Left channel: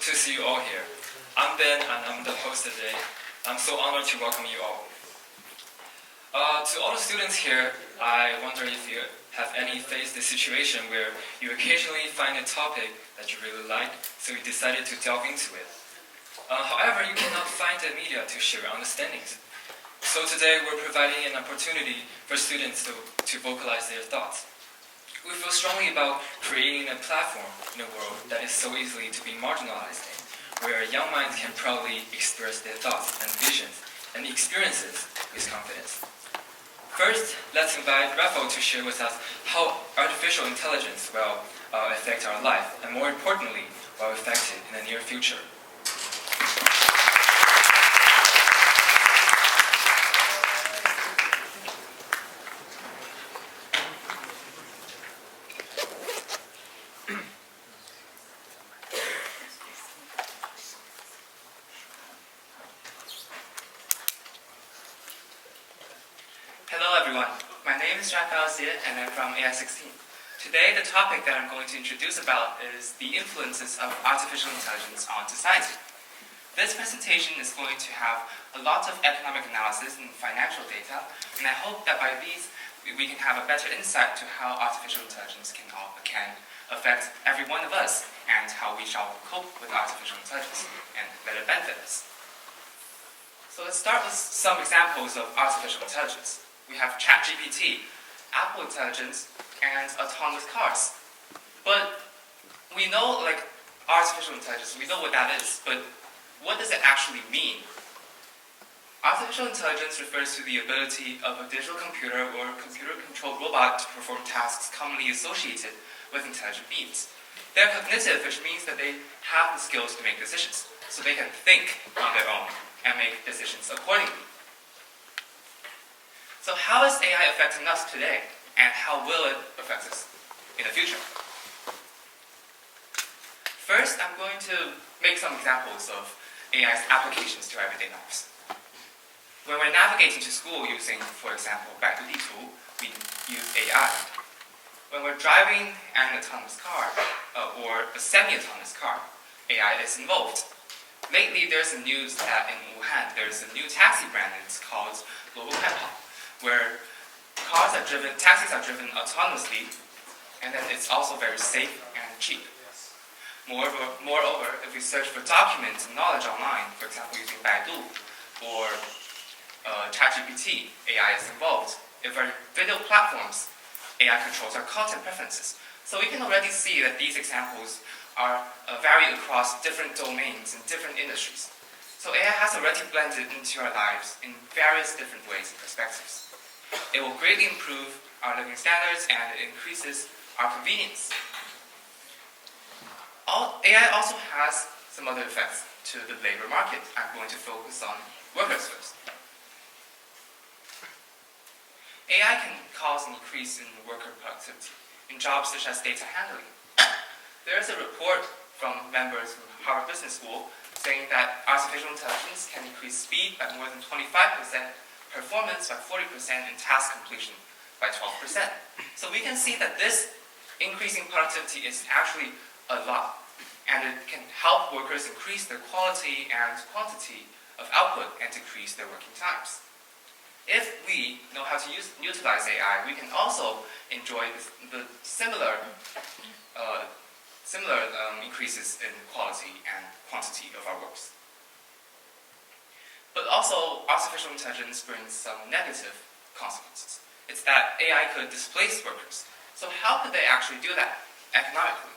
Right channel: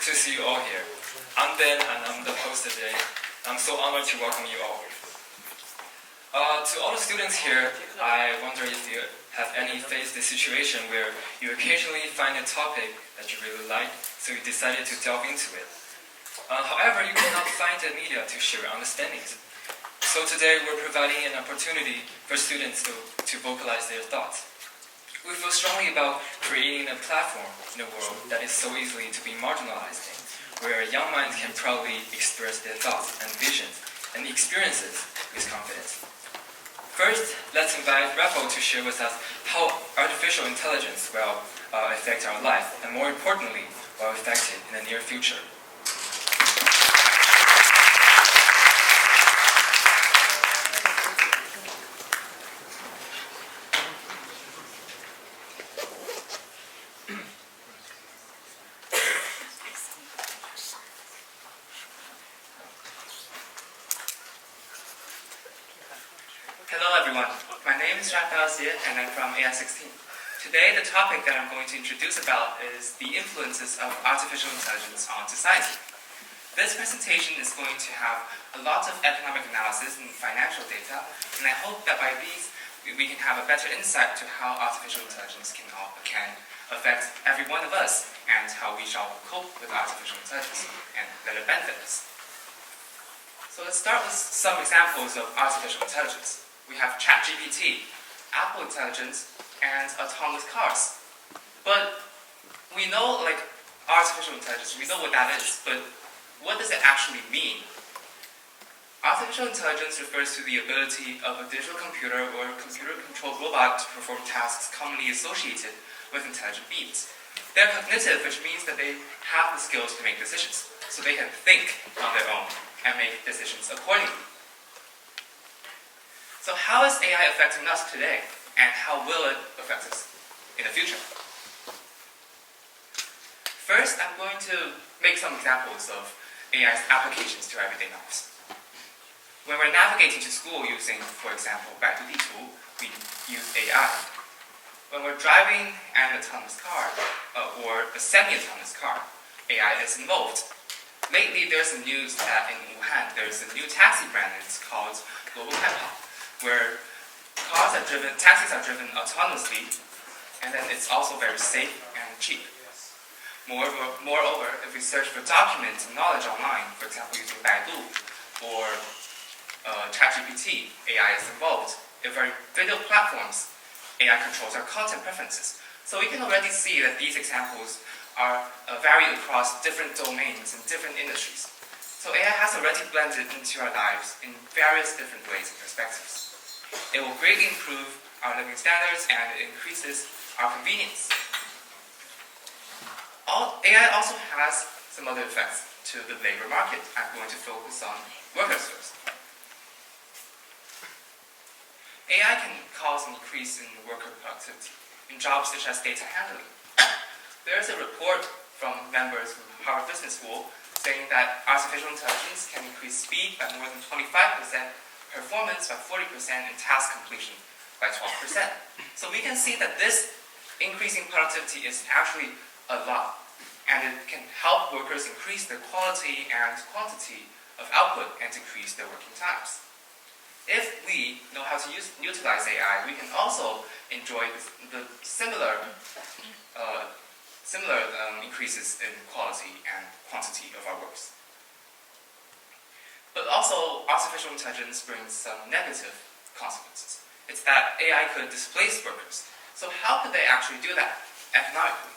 to see you all here. I'm Ben and I'm the host today. I'm so honored to welcome you all. To all the students here, I wonder if you have faced the situation where you occasionally find a topic that you really like, so you decided to delve into it. However, you cannot find the media to share your understandings. So today we're providing an opportunity for students to vocalize their thoughts. We feel strongly about creating a platform in a world that is so easily to be marginalized in, where young minds can proudly express their thoughts and visions and experiences with confidence. First, let's invite Rafael to share with us how artificial intelligence will affect our life, and more importantly, will affect it in the near future. Hello everyone, my name is Rafael and I'm from AI16. Today the topic that I'm going to introduce about is the influences of artificial intelligence on society. This presentation is going to have a lot of economic analysis and financial data, and I hope that by these we can have a better insight to how artificial intelligence can affect every one of us and how we shall cope with artificial intelligence and let it benefit us. So let's start with some examples of artificial intelligence. We have ChatGPT, Apple Intelligence, and autonomous cars. But we know, artificial intelligence, we know what that is, but what does it actually mean? Artificial intelligence refers to the ability of a digital computer or computer-controlled robot to perform tasks commonly associated with intelligent beings. They're cognitive, which means that they have the skills to make decisions, so they can think on their own and make decisions accordingly. So how is AI affecting us today, and how will it affect us in the future? First, I'm going to make some examples of AI's applications to everyday lives. When we're navigating to school using, for example, Baidu Ditu, we use AI. When we're driving an autonomous car, or a semi-autonomous car, AI is involved. Lately, there's the news that in Wuhan, there's a new taxi brand, and it's called where taxis are driven autonomously, and then it's also very safe and cheap. Moreover, if we search for documents and knowledge online, for example using Baidu or ChatGPT, AI is involved. If our video platforms, AI controls our content preferences. So we can already see that these examples are vary across different domains and different industries. So AI has already blended into our lives in various different ways and perspectives. It will greatly improve our living standards and it increases our convenience. AI also has some other effects to the labor market. I'm going to focus on workers first. AI can cause an increase in worker productivity in jobs such as data handling. There is a report from members from Harvard Business School saying that artificial intelligence can increase speed by more than 25%, performance by 40%, and task completion by 12%. So we can see that this increasing productivity is actually a lot, and it can help workers increase their quality and quantity of output and decrease their working times. If we know how to utilize AI, we can also enjoy the similar increases in quality and quantity of our works. But also, artificial intelligence brings some negative consequences. It's that AI could displace workers. So how could they actually do that economically?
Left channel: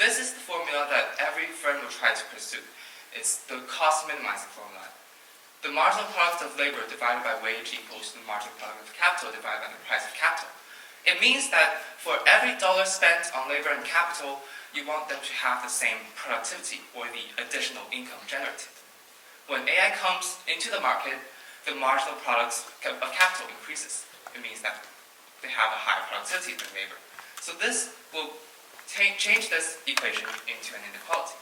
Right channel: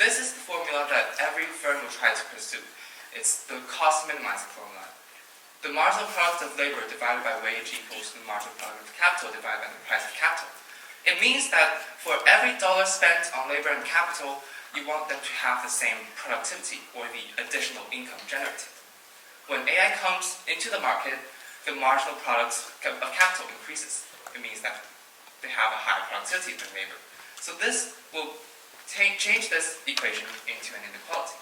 This is the formula that every firm will try to pursue. It's the cost minimizing formula. The marginal product of labor divided by wage equals the marginal product of capital divided by the price of capital. It means that for every dollar spent on labor and capital, you want them to have the same productivity or the additional income generated. When AI comes into the market, the marginal product of capital increases. It means that they have a higher productivity than labor. So this will change this equation into an inequality.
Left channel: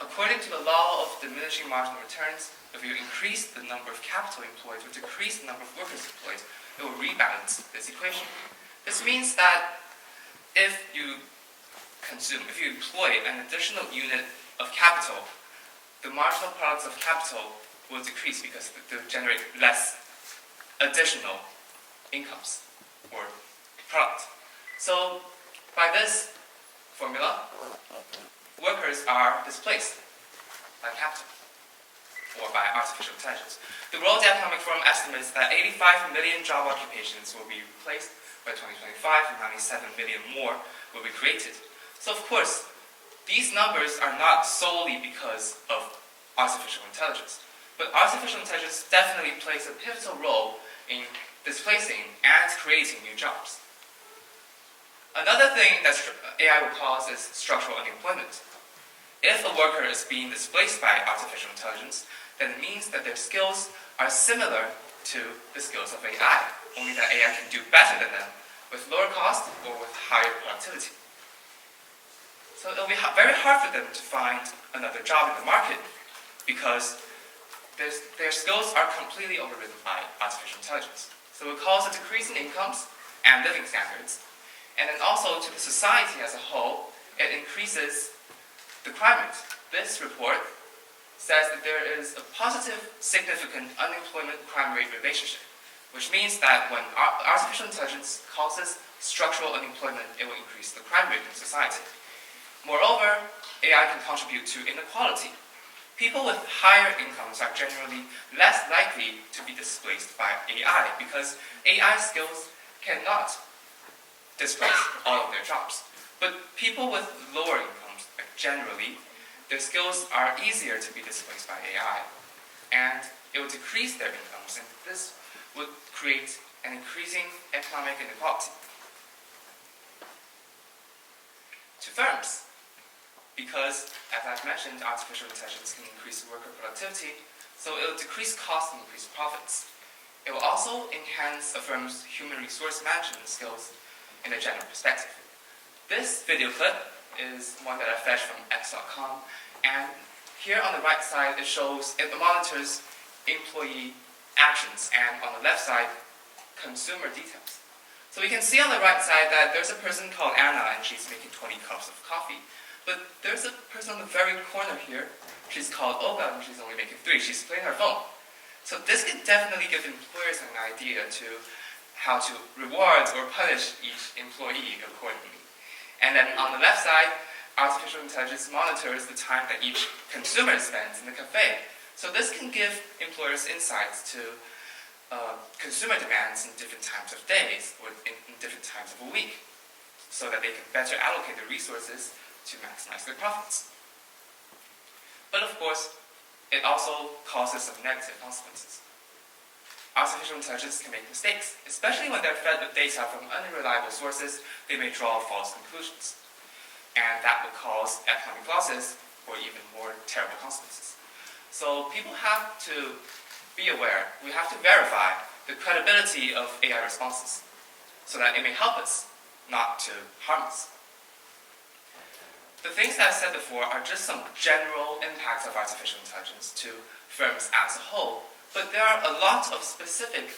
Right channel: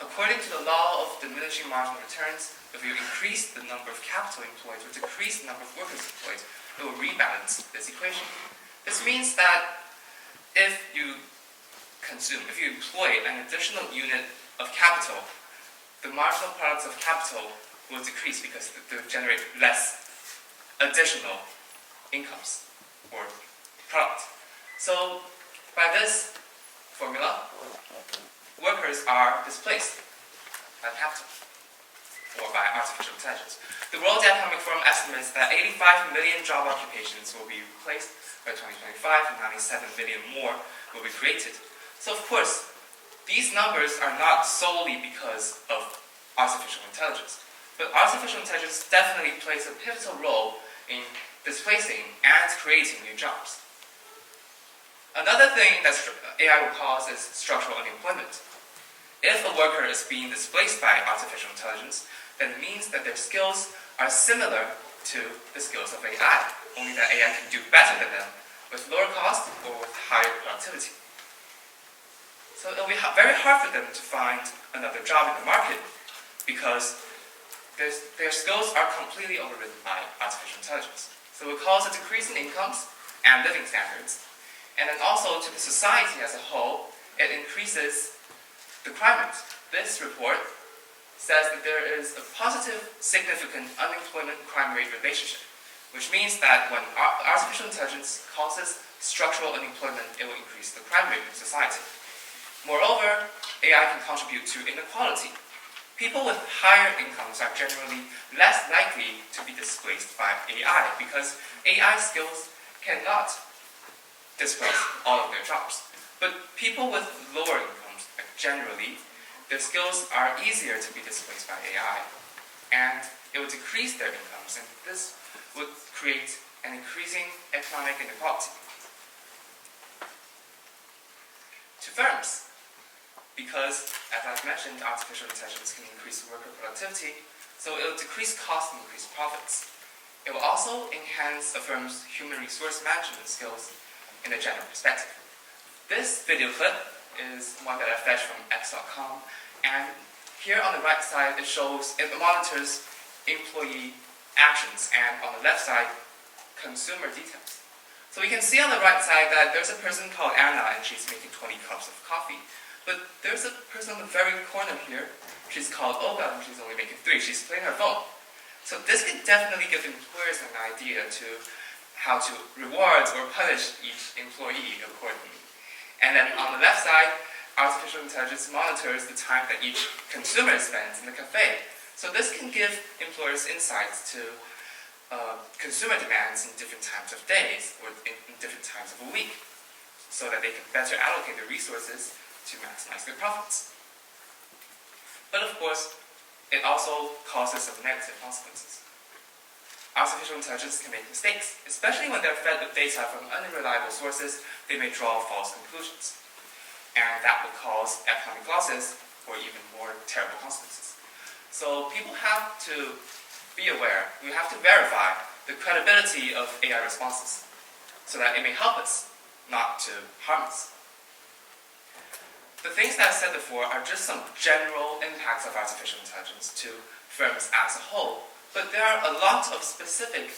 According to the law of diminishing marginal returns, if you increase the number of capital employed or decrease the number of workers employed, it will rebalance this equation. This means that if you consume, if you employ an additional unit of capital, the marginal products of capital will decrease because they generate less additional incomes or product. So by this formula, workers are displaced by capital or by artificial intelligence. The World Economic Forum estimates that 85 million job occupations will be replaced by 2025 and 97 million more will be created. So of course, these numbers are not solely because of artificial intelligence, but artificial intelligence definitely plays a pivotal role in displacing and creating new jobs. Another thing that AI will cause is structural unemployment. If a worker is being displaced by artificial intelligence, then it means that their skills are similar to the skills of AI, only that AI can do better than them with lower cost or with higher productivity. So it will be very hard for them to find another job in the market because their skills are completely overridden by artificial intelligence. So it will cause a decrease in incomes and living standards. And then also to the society as a whole, it increases the crime rate. This report says that there is a positive, significant unemployment-crime rate relationship, which means that when artificial intelligence causes structural unemployment, it will increase the crime rate in society. Moreover, AI can contribute to inequality. People with higher incomes are generally less likely to be displaced by AI because AI skills cannot displace all of their jobs. But people with lower incomes, generally, their skills are easier to be displaced by AI, and it will decrease their incomes, and this would create an increasing economic inequality. To firms, because, as I've mentioned, artificial intelligence can increase worker productivity, so it will decrease costs and increase profits. It will also enhance a firm's human resource management skills in a general perspective. This video clip is one that I fetched from x.com, and here on the right side it monitors employee actions, and on the left side, consumer details. So we can see on the right side that there's a person called Anna, and she's making 20 cups of coffee. But there's a person on the very corner here, she's called Olga, and she's only making 3. She's playing her phone. So this can definitely give employers an idea to how to reward or punish each employee accordingly. And then on the left side, artificial intelligence monitors the time that each consumer spends in the cafe. So this can give employers insights to consumer demands in different times of days or in different times of a week, so that they can better allocate their resources to maximize their profits. But of course, it also causes some negative consequences. Artificial intelligence can make mistakes, especially when they're fed with data from unreliable sources. They may draw false conclusions, and that will cause economic losses or even more terrible consequences. So people have to be aware. We have to verify the credibility of AI responses so that it may help us, not to harm us. The things that I said before are just some general impacts of artificial intelligence to firms as a whole, but there are a lot of specific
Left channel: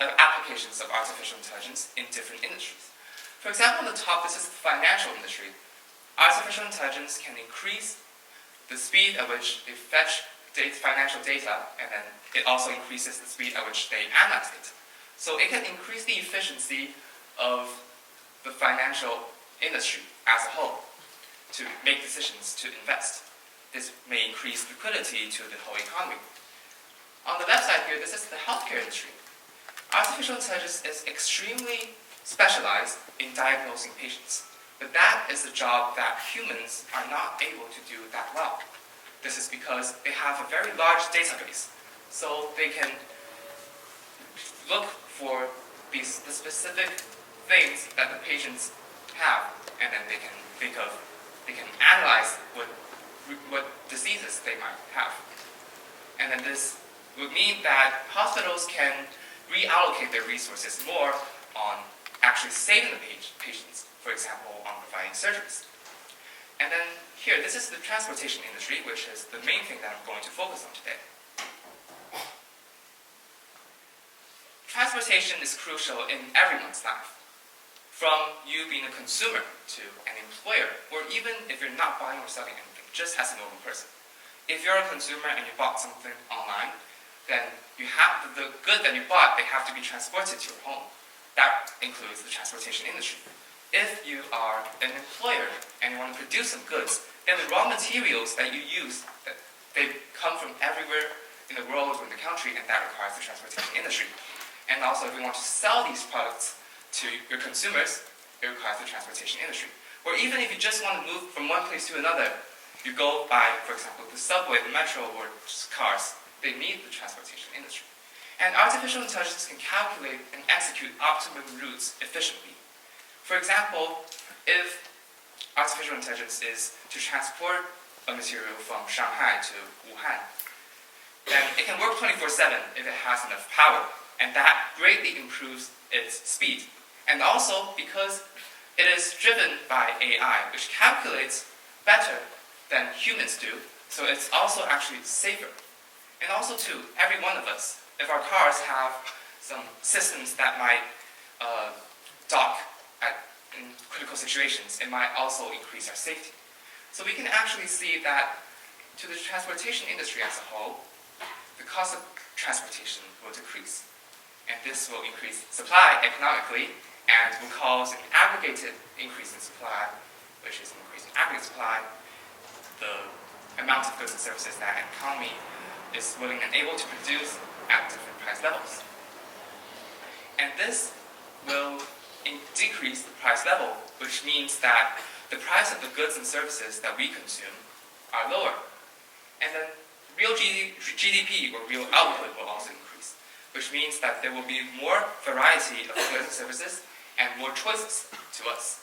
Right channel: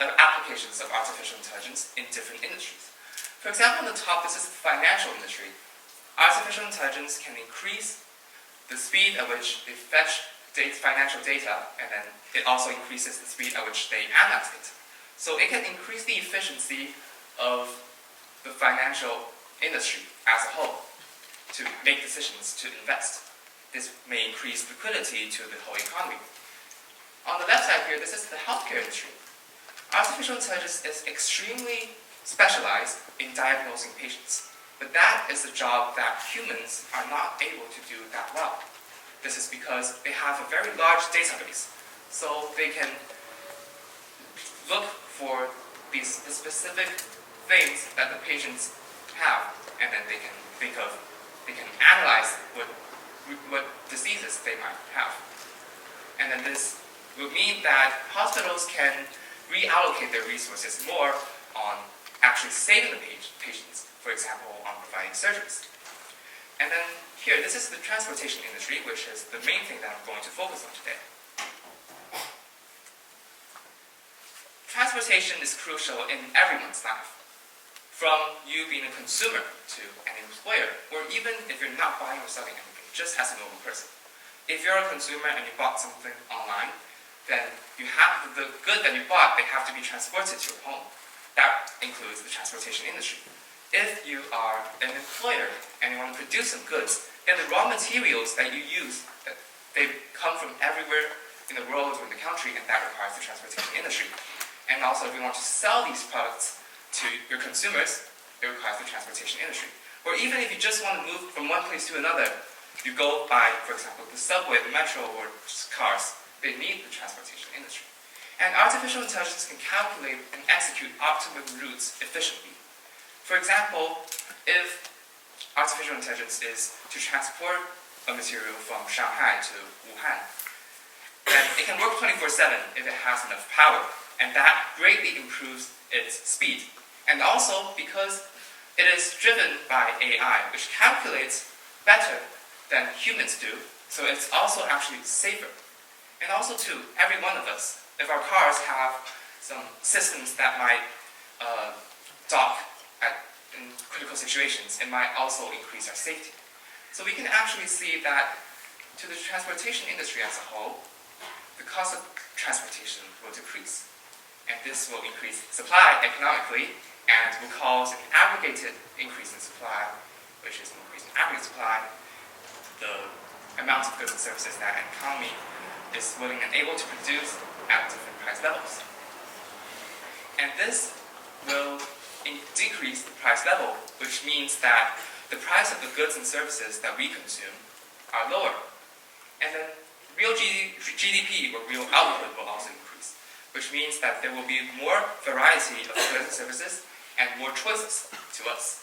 applications of artificial intelligence in different industries. For example, on the top, this is the financial industry. Artificial intelligence can increase the speed at which they fetch financial data, and then it also increases the speed at which they analyze it. So it can increase the efficiency of the financial industry as a whole to make decisions to invest. This may increase liquidity to the whole economy. On the left side here, this is the healthcare industry. Artificial intelligence is extremely specialized in diagnosing patients, but that is a job that humans are not able to do that well. This is because they have a very large database, so they can look for the specific things that the patients have, and then they can analyze what diseases they might have. And then this would mean that hospitals can reallocate their resources more on actually saving the patients, for example, on providing surgeries. And then here, this is the transportation industry, which is the main thing that I'm going to focus on today. Transportation is crucial in everyone's life. from you being a consumer to an employer, or even if you're not buying or selling anything, just as a normal person. If you're a consumer and you bought something online, then you have the good that you bought, they have to be transported to your home. That includes the transportation industry. If you are an employer and you want to produce some goods, then the raw materials that you use, they come from everywhere in the world or in the country, and that requires the transportation industry. And also, if you want to sell these products to your consumers, it requires the transportation industry. Or even if you just want to move from one place to another, you go by, for example, the subway, the metro, or just cars, they need the transportation industry. And artificial intelligence can calculate and execute optimum routes efficiently. For example, if artificial intelligence is to transport a material from Shanghai to Wuhan, then it can work 24/7 if it has enough power, and that greatly improves its speed. And also because it is driven by AI, which calculates better than humans do, so it's also actually safer. And also too, every one of us, if our cars have some systems that might dock in critical situations, it might also increase our safety. So we can actually see that to the transportation industry as a whole, the cost of transportation will decrease. And this will increase supply economically and will cause an aggregated increase in supply, which is an increase in aggregate supply, the amount of goods and services that an economy is willing and able to produce at different price levels. And this will decrease the price level, which means that the price of the goods and services that we consume are lower. And then real GDP, or real output, will also increase, which means that there will be more variety of goods and services and more choices to us.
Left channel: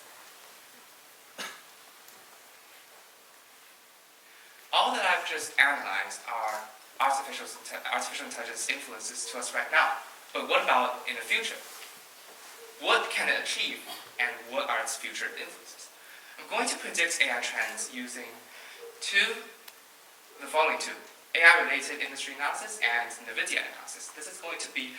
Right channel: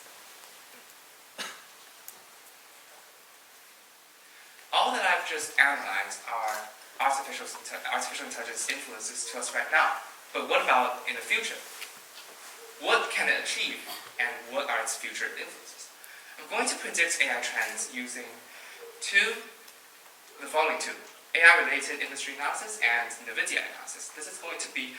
All that I've just analyzed are artificial intelligence influences to us right now. But what about in the future? What can it achieve, and what are its future influences? I'm going to predict AI trends using the following two: AI-related industry analysis and NVIDIA analysis. This is going to be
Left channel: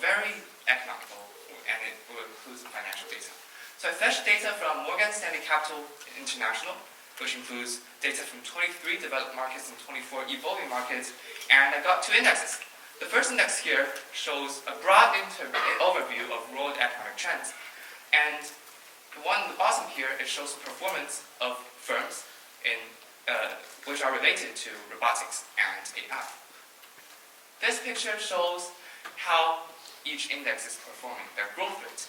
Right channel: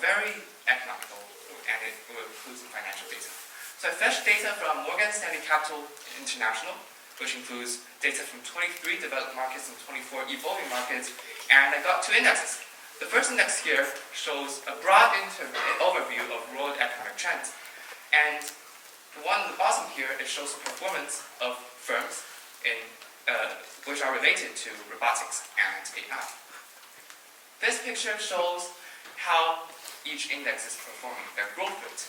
very economical, and it will include some financial data. So I fetched data from Morgan Stanley Capital International, which includes data from 23 developed markets and 24 evolving markets, and I got two indexes. The first index here shows a broad overview of world economic trends, and the one at the bottom here, it shows the performance of firms which are related to robotics and AI. This picture shows how each index is performing, their growth rate.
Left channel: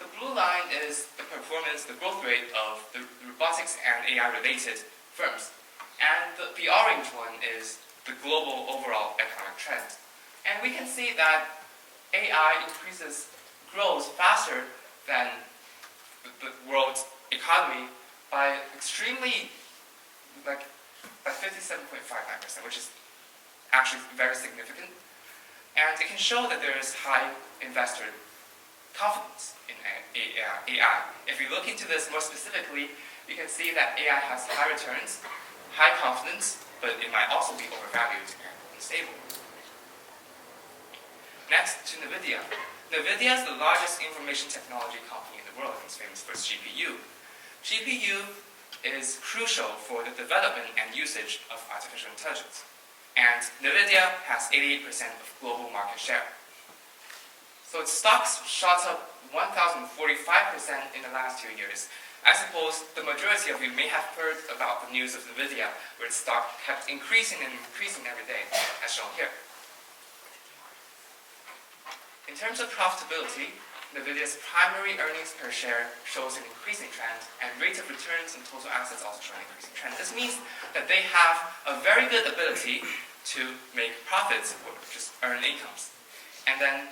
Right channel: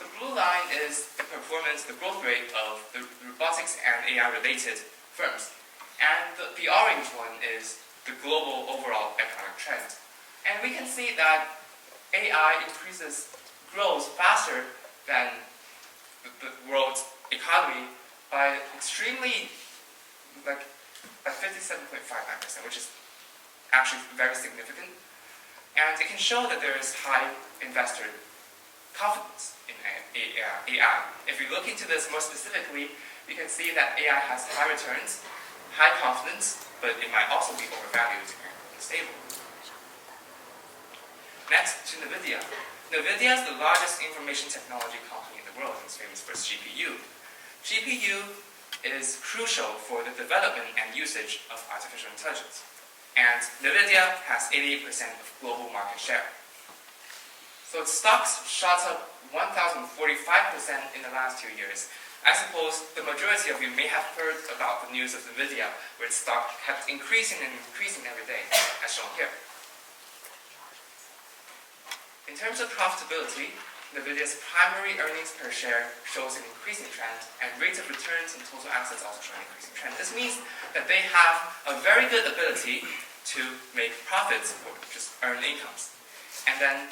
The blue line is the performance, the growth rate of the robotics and AI-related firms, and the orange one is the global overall economic trend. And we can see that AI grows faster than the world's economy by by 57.59%, which is actually very significant. And it can show that there is high investor confidence in AI. If we look into this more specifically, we can see that AI has high returns, high confidence, but it might also be overvalued and unstable. Next to NVIDIA. NVIDIA is the largest information technology company in the world. It's famous for its GPU. GPU is crucial for the development and usage of artificial intelligence. And NVIDIA has 88% of global market share. So its stocks shot up 1,045% in the last 2 years. I suppose the majority of you may have heard about the news of NVIDIA, where its stock kept increasing and increasing every day, as shown here. In terms of profitability, NVIDIA's primary earnings per share shows an increasing trend, and rates of returns and total assets also show an increasing trend. This means that they have a very good ability to make profits or just earn incomes. And then,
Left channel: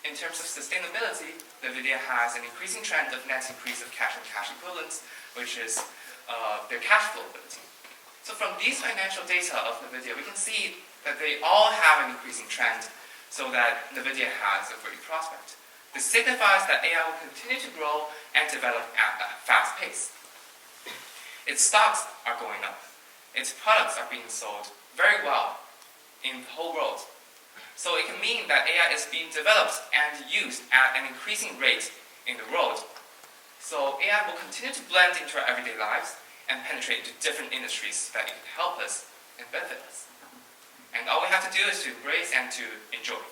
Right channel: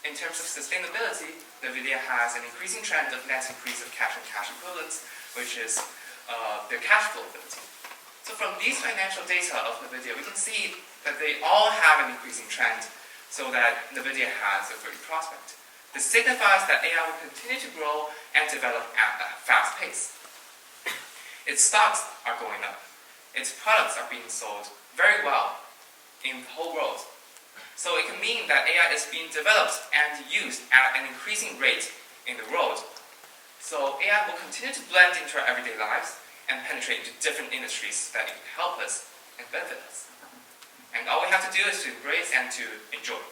in terms of sustainability, NVIDIA has an increasing trend of net increase of cash and cash equivalents, which is their cash flow ability. So from these financial data of NVIDIA, we can see that they all have an increasing trend, so that NVIDIA has a great prospect. This signifies that AI will continue to grow and develop at a fast pace. Its stocks are going up. Its products are being sold very well in the whole world. So it can mean that AI is being developed and used at an increasing rate in the world, So AI will continue to blend into our everyday lives and penetrate into different industries that can help us and benefit us. And all we have to do is to embrace and to enjoy.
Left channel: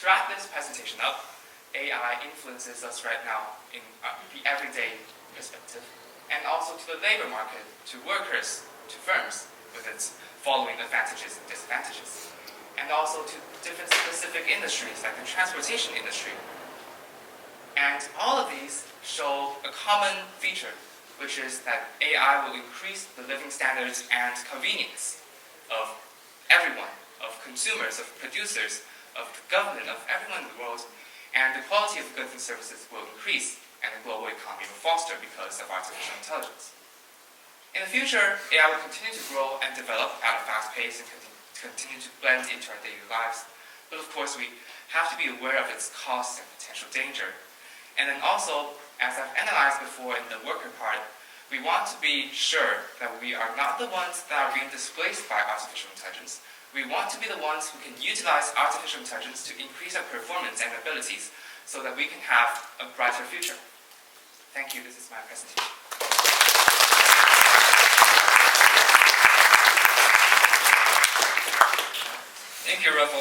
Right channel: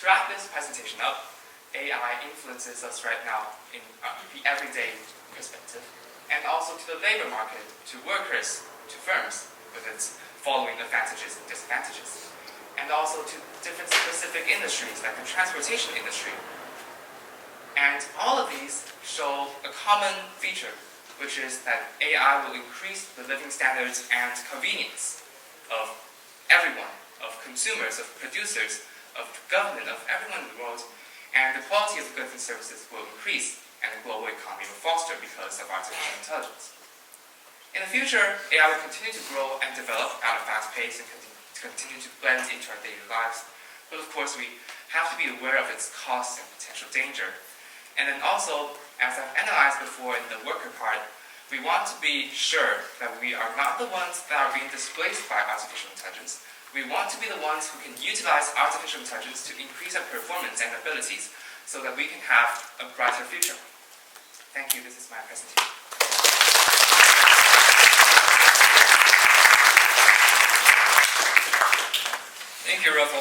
To wrap this presentation up, AI influences us right now in the everyday perspective, and also to the labor market, to workers, to firms, with its following advantages and disadvantages, and also to different specific industries like the transportation industry. And all of these show a common feature, which is that AI will increase the living standards and convenience of everyone, of consumers, of producers, of government, of everyone in the world, and the quality of goods and services will increase, and the global economy will foster because of artificial intelligence. In the future, AI will continue to grow and develop at a fast pace and continue to blend into our daily lives. But of course, we have to be aware of its costs and potential danger. And then also, as I've analyzed before in the worker part, we want to be sure that we are not the ones that are being displaced by artificial intelligence. We want to be the ones who can utilize artificial intelligence to increase our performance and abilities so that we can have a brighter future. Thank you. This is my presentation. Thank you, Rafael.